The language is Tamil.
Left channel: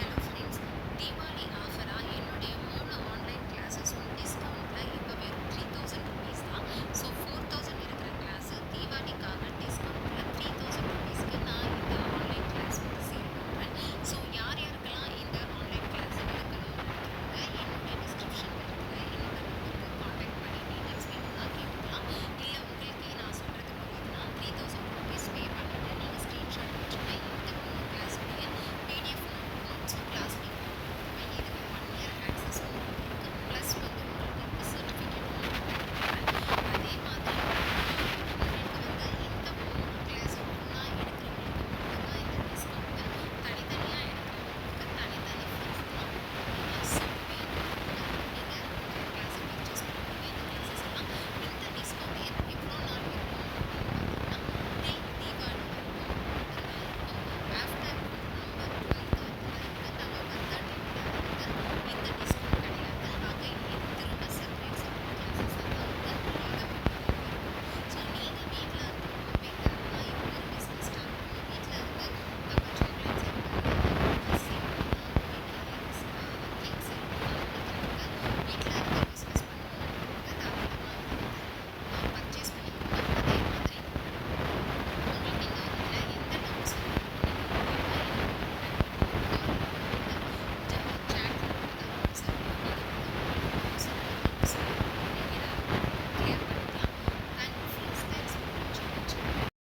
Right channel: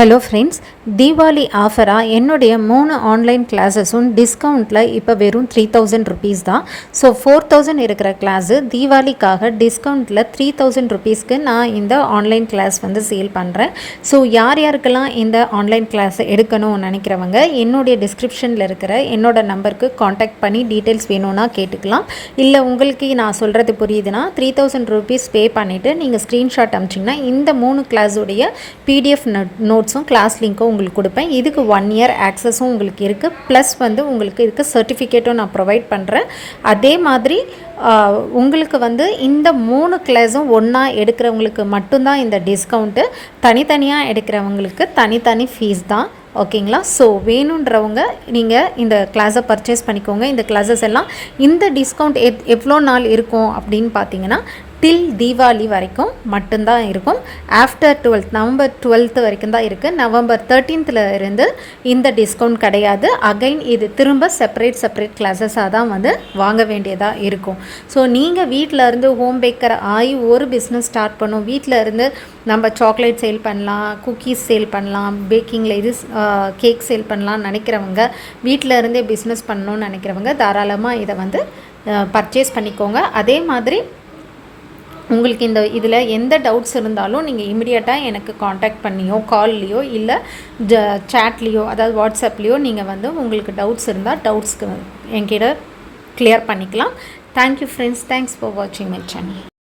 ஹலோ ஃப்ரெண்ட்ஸ், தீபாவளி ஆஃபராக என்னுடைய 3 ஆன்லைன் கிளாஸஸும் டிஸ்கவுண்ட்டில் இப்போ வெறும் 3000 ருபீஸ் தான். ஸோ 4000 இருக்கிற கிளாஸு தீபாவளிக்காக டிஸ்கவுண்ட்டில் 3000 ருபீஸ்க்கு நான் இந்த ஆன்லைன் கிளாஸ் வந்து சேல் பண்ணுறேன். ஸோ யார் யாருக்கெல்லாம் இந்த ஆன்லைன் கிளாஸ் எடுக்கணும்னு நினைக்கிறவங்க என்னுடைய டிஸ்கிரிப்ஷனில் இருக்கிற என்னோட நம்பருக்கு காண்டாக்ட் பண்ணி டீட்டெயில்ஸ் வேணும்னா கேட்டுக்கலாம். இல்லை உங்களுக்கு நான் சொல்கிறது புரியுதுன்னா 3000 ருபீஸ் பே பண்ணிவிட்டு நீங்கள் ஸ்க்ரீன்ஷாட் அனுப்பிச்சிங்கன்னா இந்த 3 கிளாஸுடைய பிடிஎஃப் நோட்ஸும் கிளாஸ் லிங்க்கும் உங்களுக்கு கொடுப்பேன். இதுக்கு 1 இயர் ஆக்சஸும் உங்களுக்கு இருக்குது. ப்ளஸ் வந்து உங்களுக்கு இதுக்கு சர்டிஃபிகேட்டும் நான் ப்ரொவைட் பண்ணுறேன். அதே மாதிரி உங்களுக்கு வந்து இந்த 3 கிளாஸும் ஒன்றா எடுக்கிறவங்களுக்கு மட்டும்தான் இந்த டிஸ்கவுண்ட்டு. தனித்தனியாக எடுக்கிறவங்களுக்கு தனித்தனி ஃபீஸ் தான். ஓகேங்களா? ஸோ வேணுன்றவங்க நீங்கள் இந்த கிளாஸை பர்ச்சேஸ் பண்ணிக்கோங்க. இந்த கிளாஸஸ் எல்லாம் இந்த டிஸ்கவுண்ட் எவ்வளோ நாள் இருக்கும் அப்படின்னு பார்த்தீங்கன்னா டில் தீபாவளி வரைக்கும் மட்டும்தான் இருக்கும். ஆஃப்டர் 12th நவம்பர் 12th வரைக்கும் தான் இருக்குது. நவம்பர் 13th இருந்து இந்த டிஸ்கவுண்ட் கிடையாது. அகைன் இது திரும்ப செப்பரேட் கிளாஸஸாக தான் வந்து வாங்க வேண்டியதாக இருக்கும். ஸோ நீங்கள் வீட்டில் இருந்து ஹோம் பேக்கர் ஆகி ஒரு பிஸ்னஸ் ஸ்டார்ட் பண்ணும், வீட்டில் இருந்து நம்ம சாக்லேட் சேல் பண்ணலாம், குக்கீஸ் சேல் பண்ணலாம், பேக்கிங்கில் இது கேக் சேல் பண்ணலாம்னு நினைக்கிறவங்க, வீட்டில் இருந்தே பிஸ்னஸ் பண்ணணும்னு நினைக்கிறவங்க தாராளமாக இதை வந்து பர்ச்சேஸ் பண்ணிக்கோங்க. அதே மாதிரி உங்களுக்கு இந்த இதில் எந்த டவுட்ஸ் இருந்தாலும் நீங்கள் இமிடியேட்டாக எனக்கு காண்டாக்ட் பண்ணியோ கால்லையோ இல்லை சேட்லேயோ அதாவது வாட்ஸ்அப்லேயோ நீங்கள் வந்து உங்களுக்கு டவுட்ஸ் இருந்தால் டவுட்ஸ்க்கு என்கிட்ட கிளியர் பண்ணிக்கலாம். தேங்க்யூ ஃப்ரெண்ட்ஸ், தேங்க்ஸ் ஃபார் வாட்சிங் மை சேனல்.